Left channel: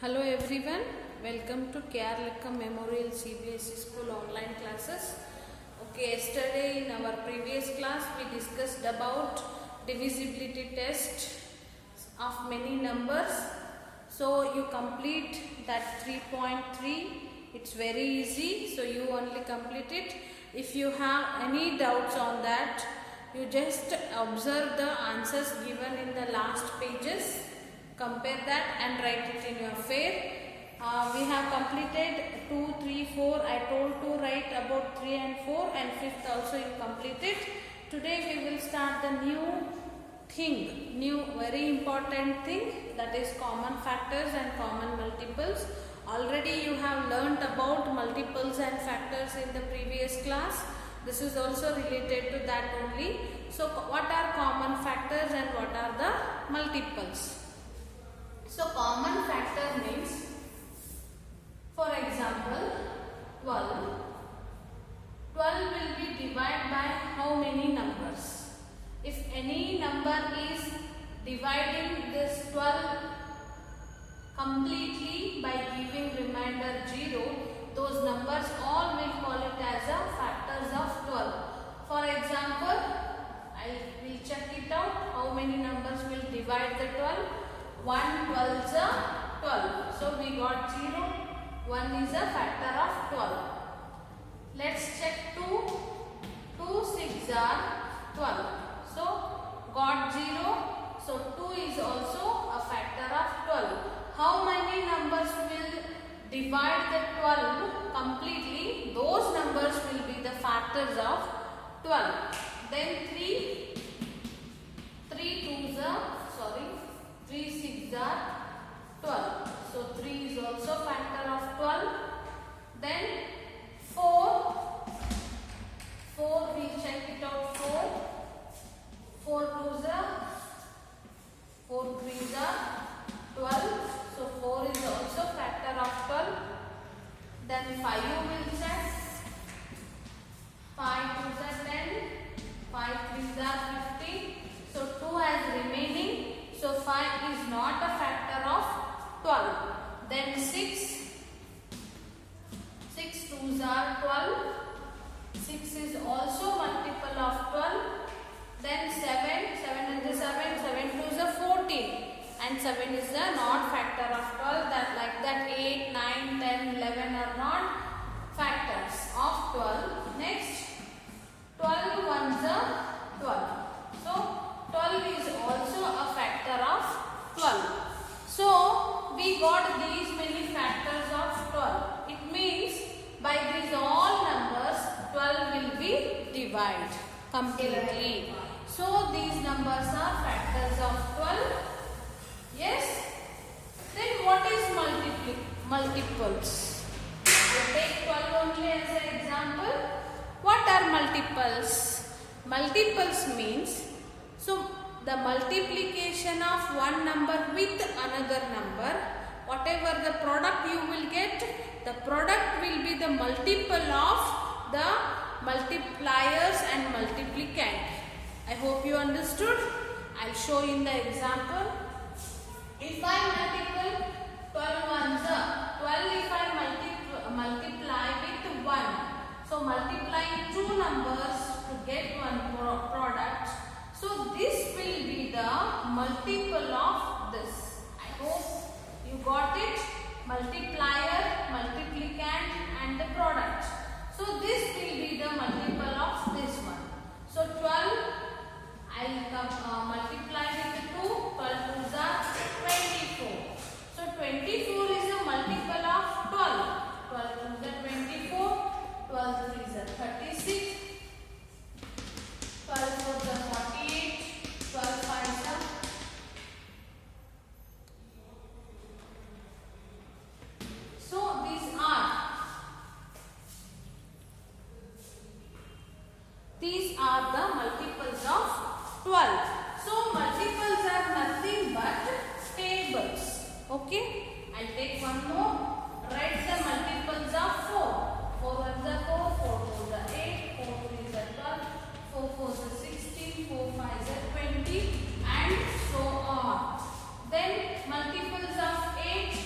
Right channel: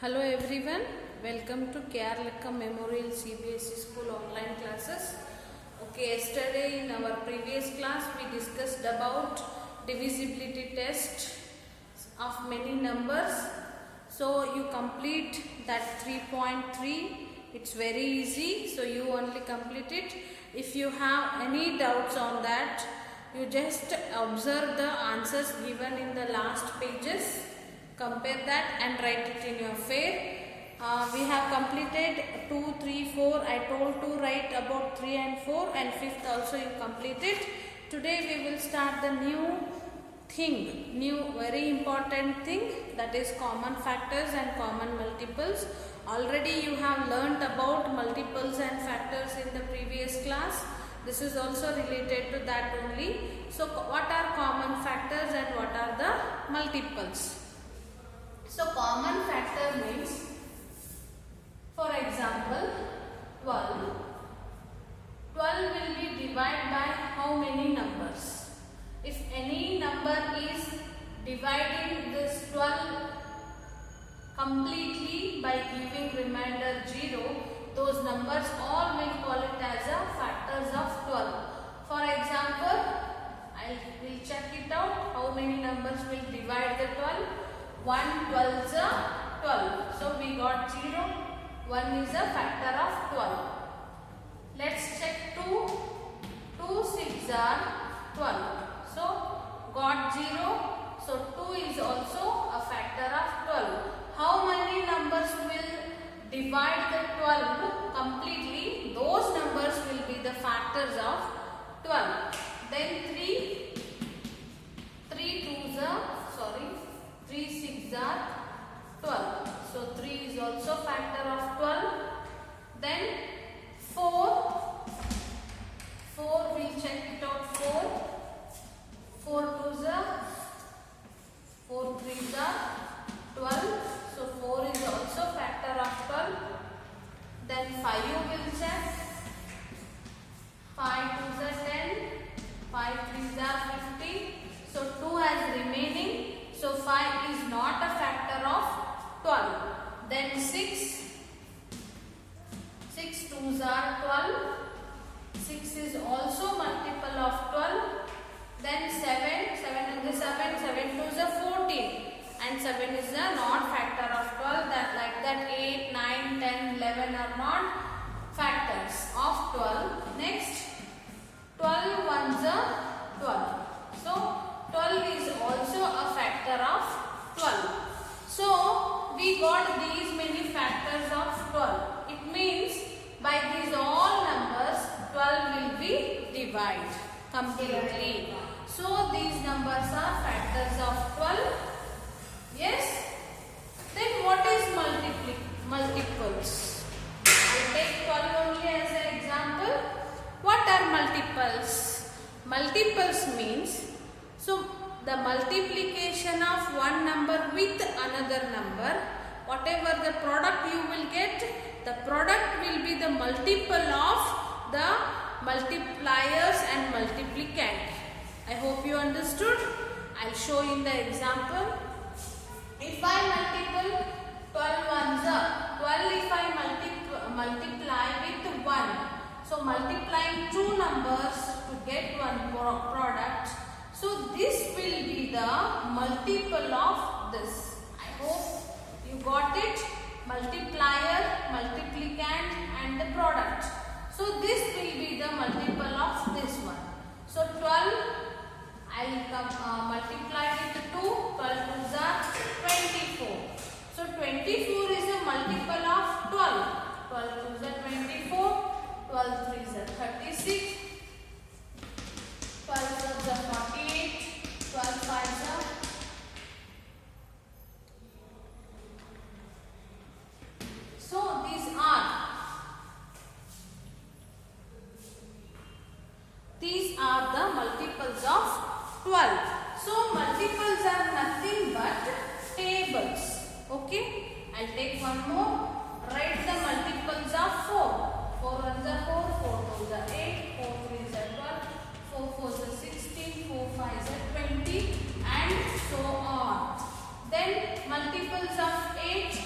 Hello everyone, welcome to KR Lekka Memorial CBSE School online classes. Okay, yesterday in our previous class we discussed about divisibility test of many numbers. So you complete that 3.3, it's very easy, so you only complete it. If you have any doubts on that, you just observe the answers given in the last pages. Compare that and write it in your fair. We have completed 2, 3, 4. I told to write about 3 and 4 and 5th also you completed. Today we will start the new thing, very important thing, that is common factors and common multiples. Already you have learnt about multiples and factors in the previous class. This is also related to that only. So what are common factors and what are the multiples? So common factor means, for example, 12. 12 will be divided by how many numbers? If any number is dividing this 12 completely by giving remainder 0, those numbers all will call it as a factors of 12. For example, I will check it out how many numbers will divide the 12. 1 12s are 12. So we got 0. 1 is a factor of 12. Let's check 2. 2 6s are 12. So got 0. So 2 is also a factor of 12. How many numbers will divide the 12 completely? Those numbers will be the factors of 12. Then 3 2s are 3 6s are 12. So 3 is also factor of 12. Then 4 we'll check it out. 4 2s are 4 3s are 12. So 4 is also factor of 12. Then 5 you will check. 5 2s are 10. 5 3s are 15. So 2 as remaining. So 5 is not a factor of 12. Then 6 2s are 12. 6 is also multiple of 12. Then 7 is 2s are 14. And 7 is a not factor of 12. That like that 8, 9, 10, 11 are not factors of 12. Next 12 ones are 12. So 12 is also a factor of 12. So we got these many factors of 12. It means by these all numbers 12 will be divided completely. So these numbers are factors of 12. Yes? Then what is multiples? I take 12 only as an example. What are multiples? Multiples means, so the multiplication of one number with another number, whatever the product you will get, the product will be the multiple of the multipliers and multiplicand. I hope you understood. I'll show you in the example. If I multiple 12 ones up, 12 if I multiply with 1. So multiplying two numbers to get one product. So this will be the multiple of this. I hope you got it. Multiplier, multiplicand and the product. So this will be the multiple of this one. So 12 I will multiply with 2. 12 2s are 24. So 24 is a multiple of 12. 12 2s are 24. 12 3s are 36. 12 4s are 48. 12 5s are. So these are the multiples of 12. So multiples are nothing but tables. Okay. I'll take one more. Write the multiples of 4. 4 1s are 4. 4 2s are 8. 4 3s are 12. 4 4s are 16. 4 5s are 20. And so on. Then multiples of 8.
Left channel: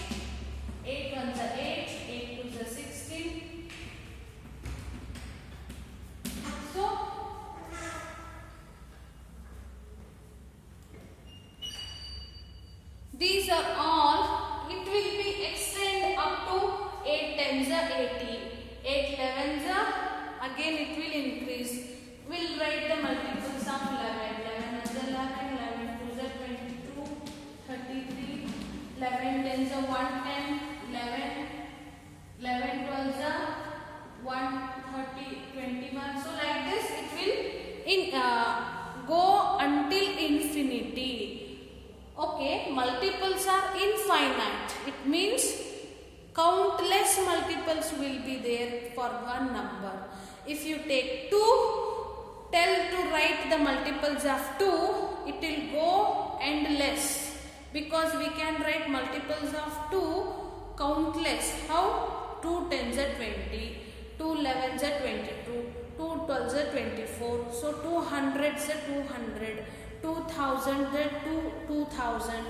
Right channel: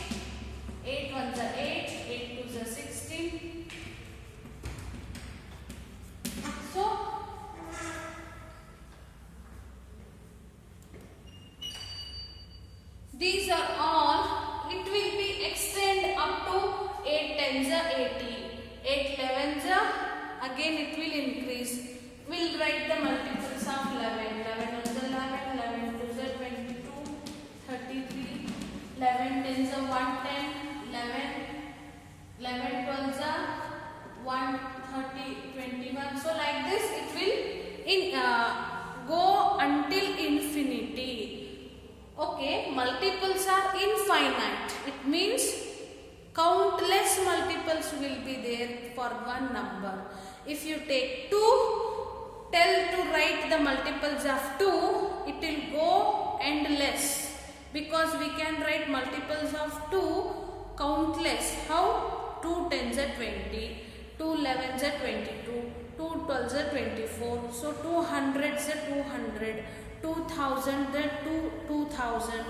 again it will increase. We'll write the multiples of 11. 11 is 11, 11 is 22, 33, 11 tens are 110, 11, 11 12s are 130, 21. So like this it will go until infinity. Okay, multiples are infinite. It means countless multiples will be there for one number. If you take 2, tell to write the multiples of 2, it will go endless, because we can write multiples of 2 countless. How? 2 tens are 20, 2 11s are 22, 2 12s are 24, so 2 hundreds are 200, 2000 are 2000,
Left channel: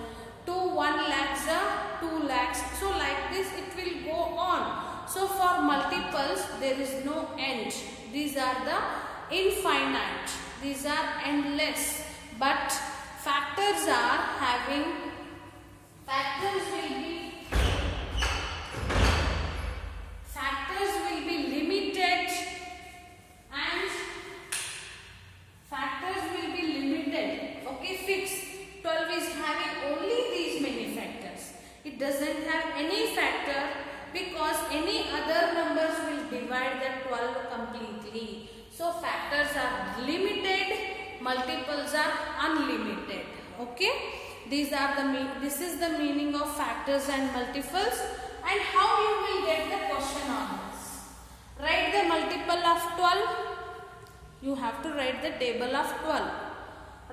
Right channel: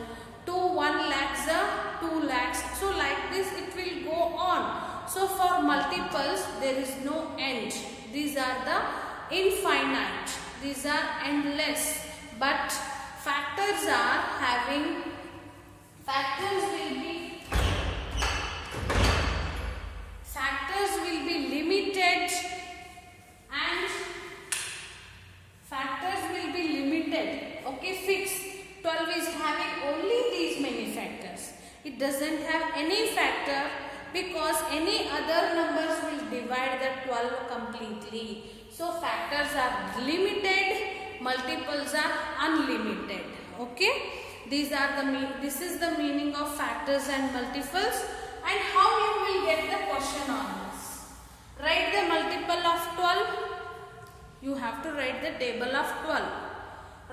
2 1 lakhs are 2 lakhs. So like this it will go on. So for multiples there is no end. These are the infinite. These are endless. But factors are having, factors will be limited, and factors will be limited. Okay, fixed. 12 is having only these many factors. It doesn't have any factor, because any other numbers will divide the 12 completely. So factors are limited, multiples are unlimited. Okay, this is the meaning of factors and multiples. And how you will get the question on this? Write the multiple of 12. You have to write the table of 12.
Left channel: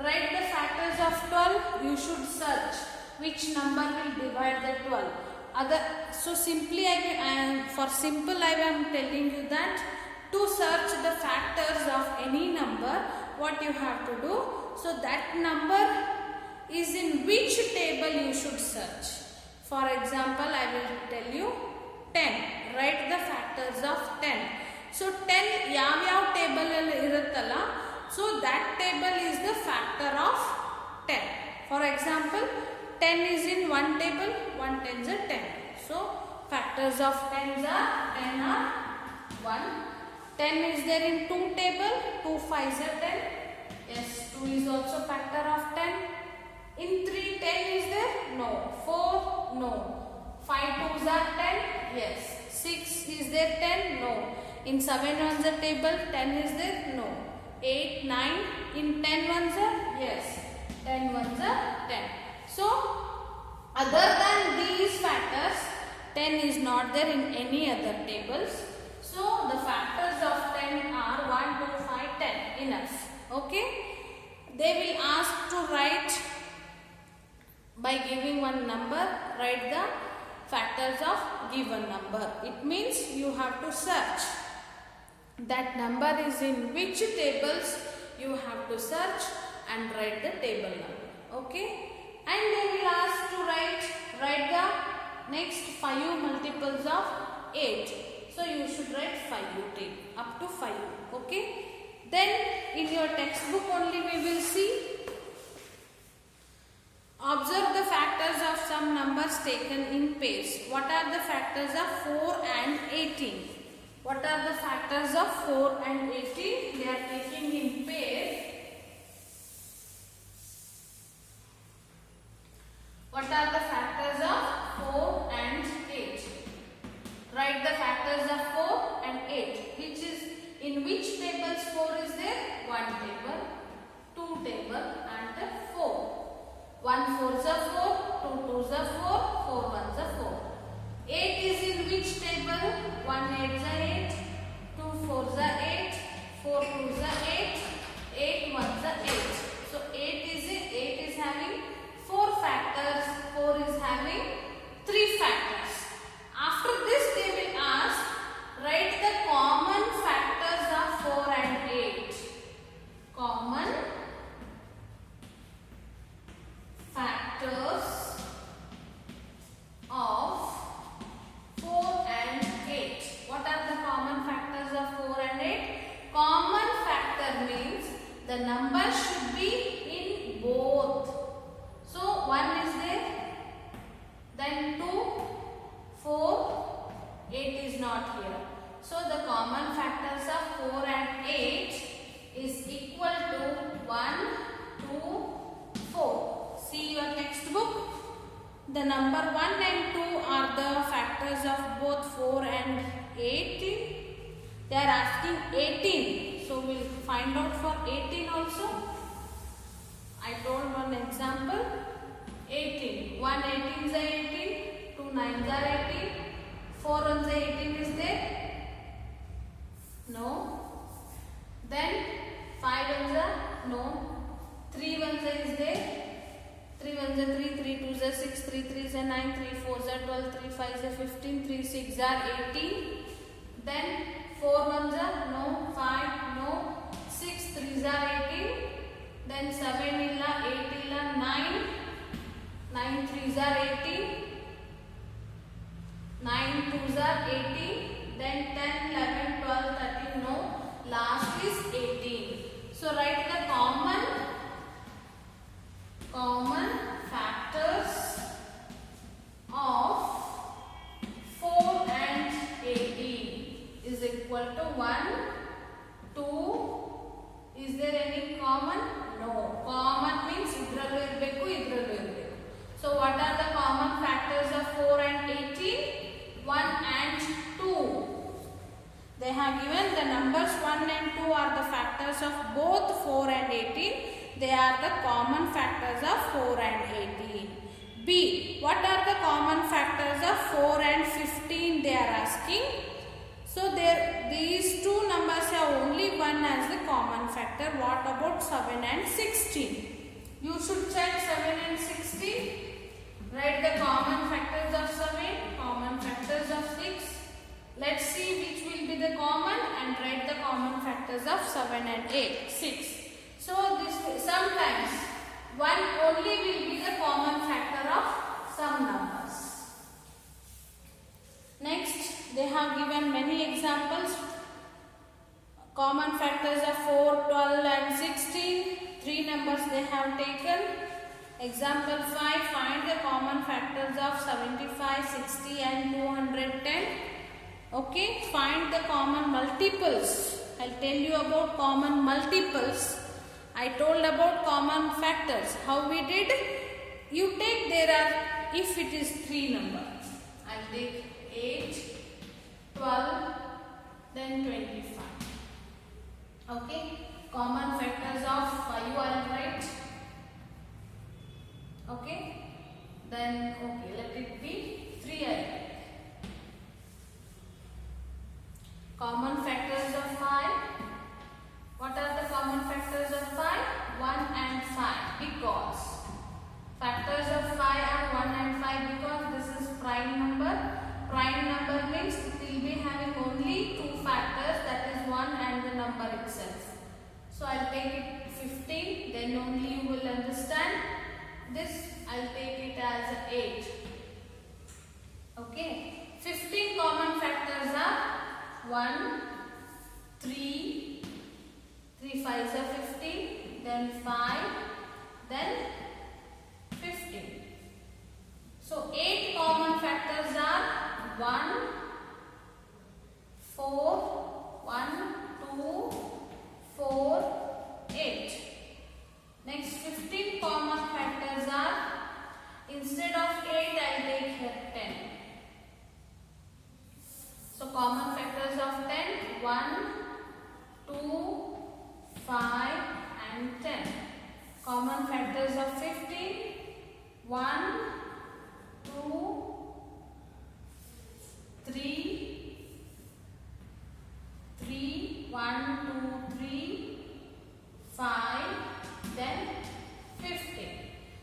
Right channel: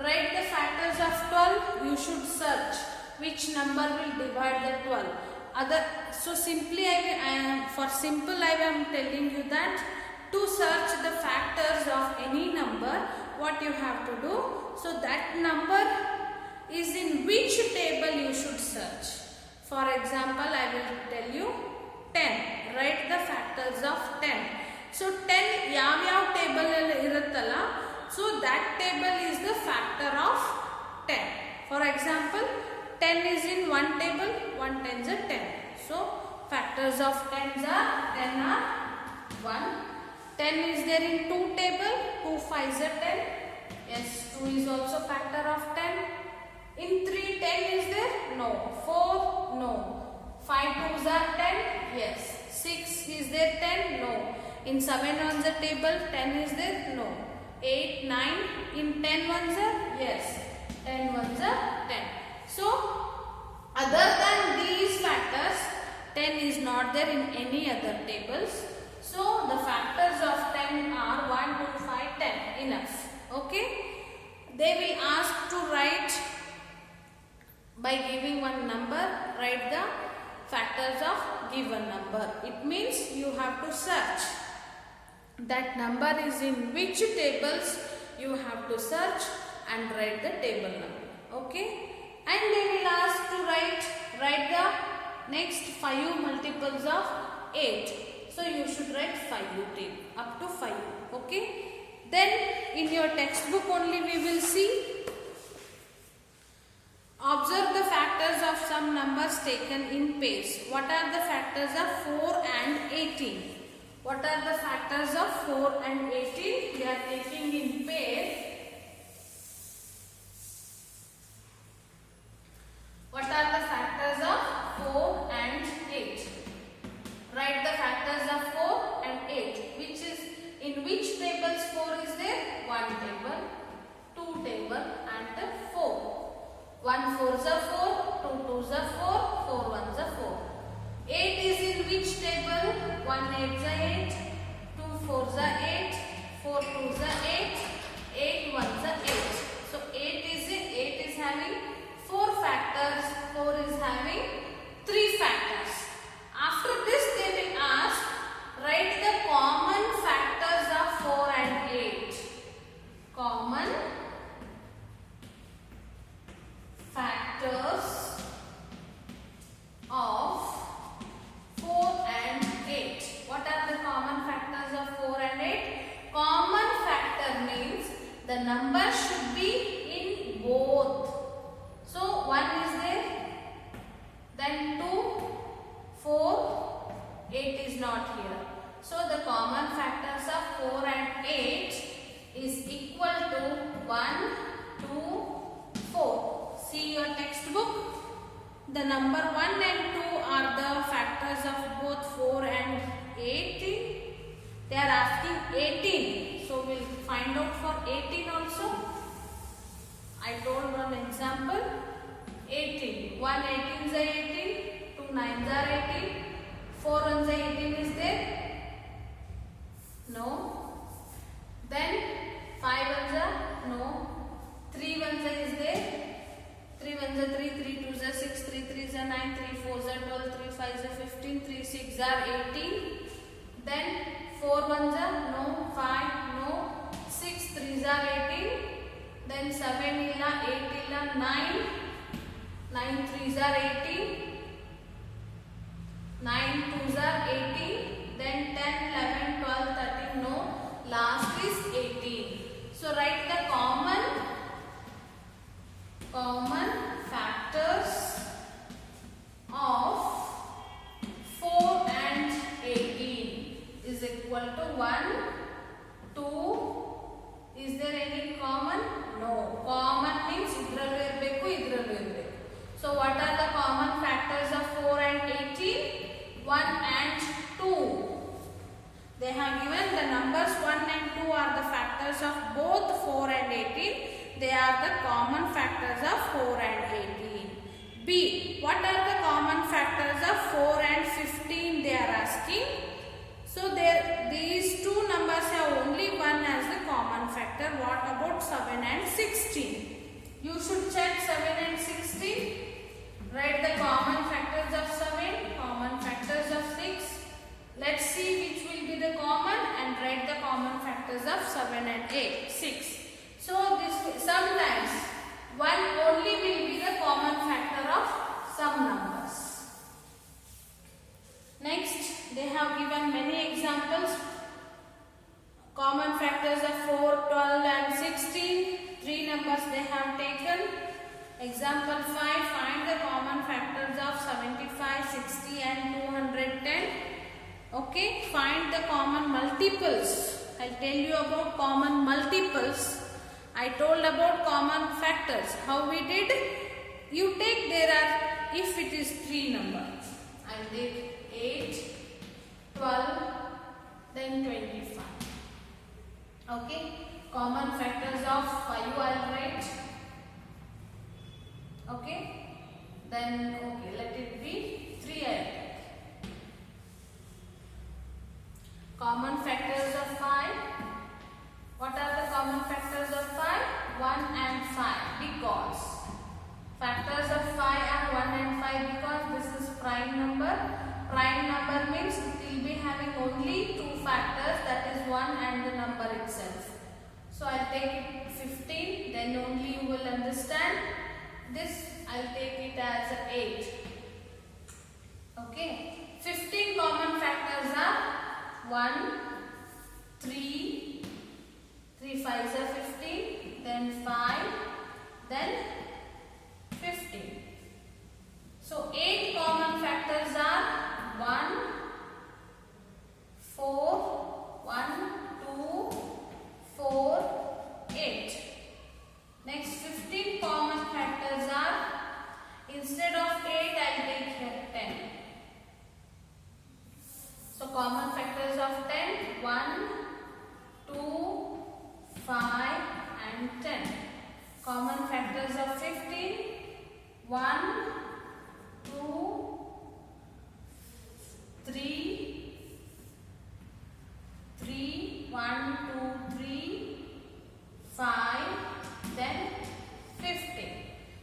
Write the factors of 12. You should search which number will divide the 12. So simply for simple I am telling you that to search the factors of any number, what you have to do, so that number is in which table you should search. For example, I will tell you 10. Write the factors of 10. So 10 yav table iruttala, so that table is the factor of 10. For example, 10 is in one table, 1 tens are 10. So factors of 10 are 1. 10 is there in 2 table, 2 5s are 10. Yes, 2 is also factor of 10. In 3, 10 is there? No. 4, no. 5 2s are 10? Yes. 6 is there 10? No. In 7 on the table, 10 is there? No. 8, 9, in 10 ones are? Yes. 10 ones are 10. So, other than these factors, 10 is not there in any other tables. So, the factors of 10 are 1, 2, 5, 10. Enough. Okay? They will ask to write, by giving one number, write the factors of given number. It means you have to search. That number is in which tables, you have to search and write the table number. Okay? And they will ask to write the next 5 multiples of 8. So you should write 5 till up to 5. Okay? Then in your textbook only we will see. Observe the factors of some numbers taken in pairs. What are the factors of 4 and 18? What are the factors of 4 and 18? We are taking in pair. What are the factors of 4 and 8? Write the factors of 4 and 8. Which is, in which tables 4 is there? 1 table, 2 table and 4. 1 4s are 4, 2 2s are 4, 4 1s are 4. 8 is in which table? 1 8s are 8, 2 4s are 8, 4 2s are 8, 8 1s are 8. So 8 is having 4 factors, 4 is having 3 factors. After this they will ask, write the common factors of 4 and 8. Common factors of 4 and 8. What are the common factors of 4 and 8? Common factor means the number should be in both. So 1 is there, then 2, 4, 8 is not here. So the common factors of 4 and 8 is equal to 1, 2, 4. See your textbook. The number 1 and 2 are the factors of both 4 and 8. They are asking 18. So we'll find out for 18 also. I told one example. 18. 1 18s are 18. 2 9s are 18. 4 1s are 18 is there? No. Then 5 1s are? No. 3 1s are is there? 3 1s are 3, 3 2s are 6, 3 3s are 9, 3 4s are 12, 3 5s are 15, 3 6s are 18. Then 4 1s are? No. 5, no. 6 3s are 18. Then 7 illa, 8 illa, 9. 9 3s are 18. 9 2s are 18. Then 10, 11, 12, 13, no. Last is 18. So write the common factors of 4 and 18 is equal to 1, 2. Is there any common? No. Common means idrallu irbeku, idrallu irbeku. So what are the common factors of 4 and 18? 1 and 2. They have given the numbers 1 and 2 are the factors of both 4 and 18. They are the common factors of 4 and 18. B. What are the common factors of 4 and 15 they are asking? So these two numbers have only one as a common factor. What about 7 and 16? You should check 7 and 16. Write the common factors of 7, common factors of 6. Let's see which will be the common and write the common factors of 7 and 6. So this sometimes one only will be the common factor of some numbers. Next, they have given many examples. Common factors of 4, 12 and 16. 3 numbers they have taken. Example 5, find the common factors of 75, 60 and 210. Okay, find the common multiples. I'll tell you about common multiples. I told about common factors. How we did? You take if it is 3 number. I'll take 8, 12, then 25. Okay, common factors of 5 I'll write. Okay, then let it be 3 I'll write. Common factors of 5. What are the common factors of 5? 1 and 5 because factors of 5 are 1 and 5 because this is prime number. Prime number means it will be having only 2 factors, that is 1 and the number itself. So I'll take it 15, then only you will understand. This I'll take it as 8. Okay. 15 common factors are 1, 3, 3 5s are 15, then 5, then 15. So 8 common factors are 1, 4, 1, 2, 4, 8. Next 15 common factors are, instead of 8 I will take here 10. So common factors of 10, 1, 2, 5 and 10. Common factors of 15, 1, 2, 3, 1, 2, 3, 5, then 15.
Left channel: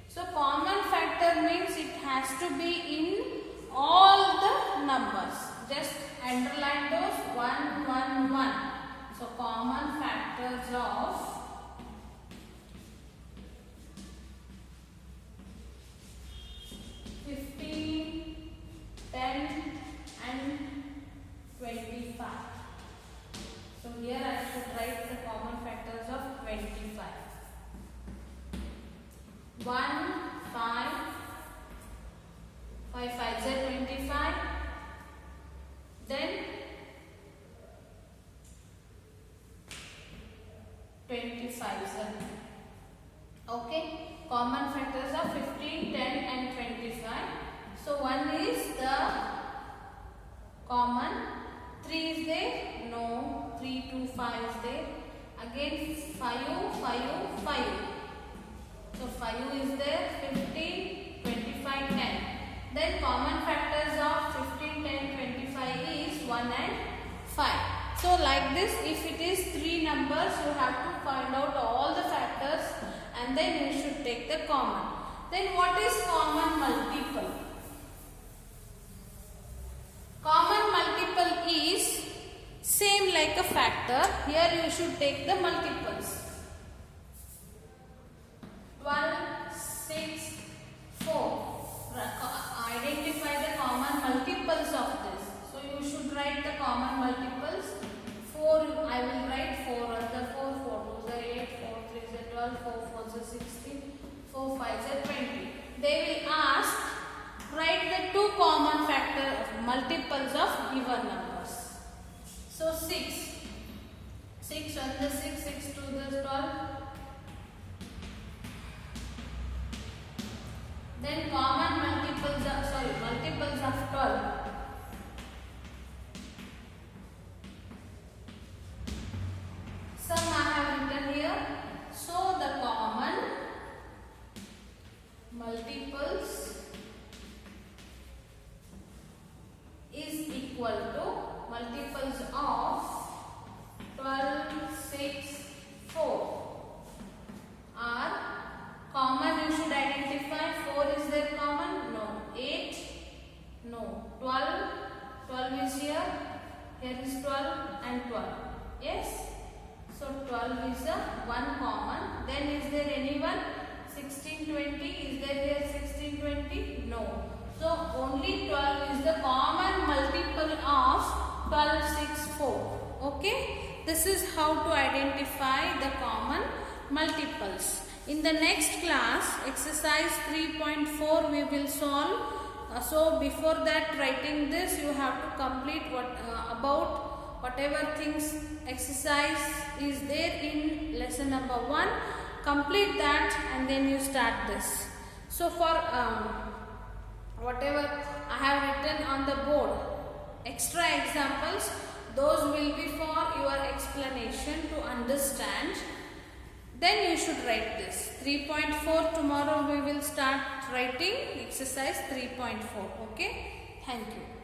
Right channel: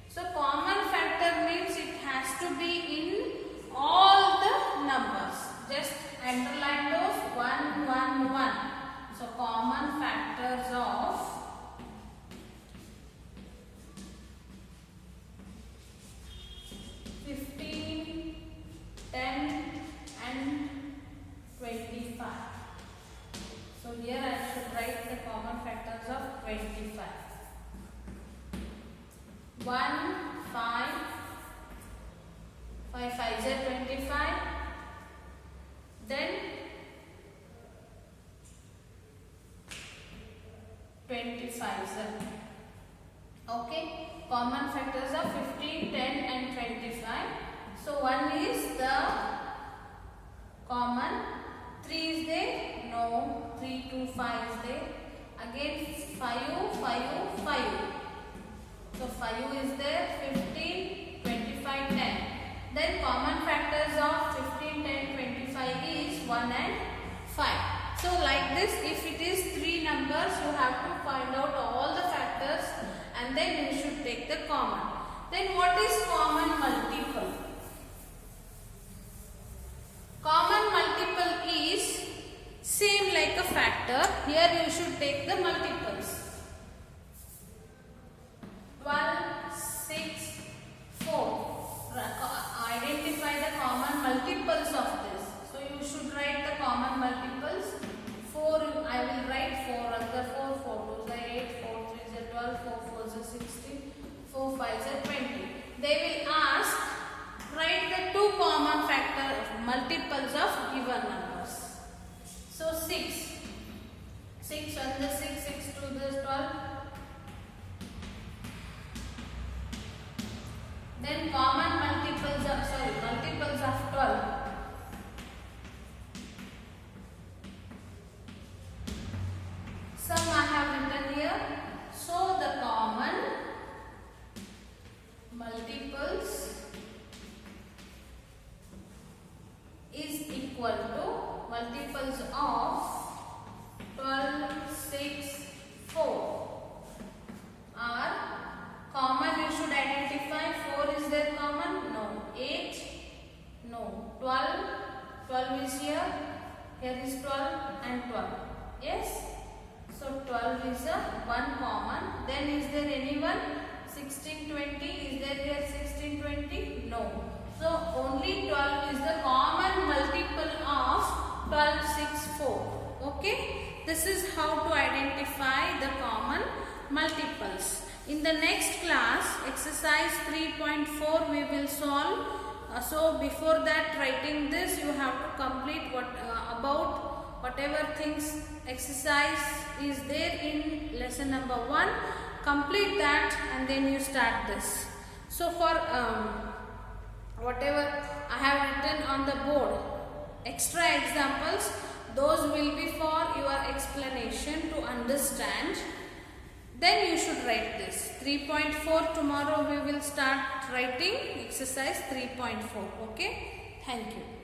So common factor means it has to be in all the numbers. Just underline those 1, 1, 1. So common factors of 15, 10 and 25. So here I should write the common factors of 25. 1, 5, 5 5s are 25. Then reason. Okay, common factors are 15, 10 and 25. So 1 is the common, 3 is there, no, 3, 2, 5 is there, again 5, 5, 5. So 5 is there, 15, 25, 10. Then common factors of 15, 10, 25 is 1 and 5. So like this, if it is 3 numbers, you have to find out all the factors and then you should take the common. Then what is common multiple? Common multiple is same like a factor. Here you should take the multiples. 12, 6, 4. Identify the common multiples of this. So you should write the common multiples. 4, I will write 4 on the 4, 4 2 is 8, 4 3 is 12, 4 4 is 16, 4 5 is 20. They will ask, write the 2 common factor multiples of given numbers. So 6. 6 on the 6, 6 2 is 12. Then common multiples of 12. Some I have written here. So the common multiples is equal to multiples of 12, 6, 4 are common. You should identify. 4 is there common? No. 8? No. 12? 12 is here. Here is 12 and 12. Yes? So 12 is a one common. Then is there anyone? 16, 20. Is there here 16, 20? No. So only 12 is the common multiple of 12, 6, 4. Okay? This is how to identify the common multiples. In the next class, exercise 3.4 we will solve. So before that, writing this, you have to complete about whatever things exercise is there in lesson number 1. Complete that and then you start this. So for whatever I have written on the board, extra examples, those will be for your explanation to understand. Then you should write this. 3.4 tomorrow we will start writing exercise 3.4. Okay. Thank you.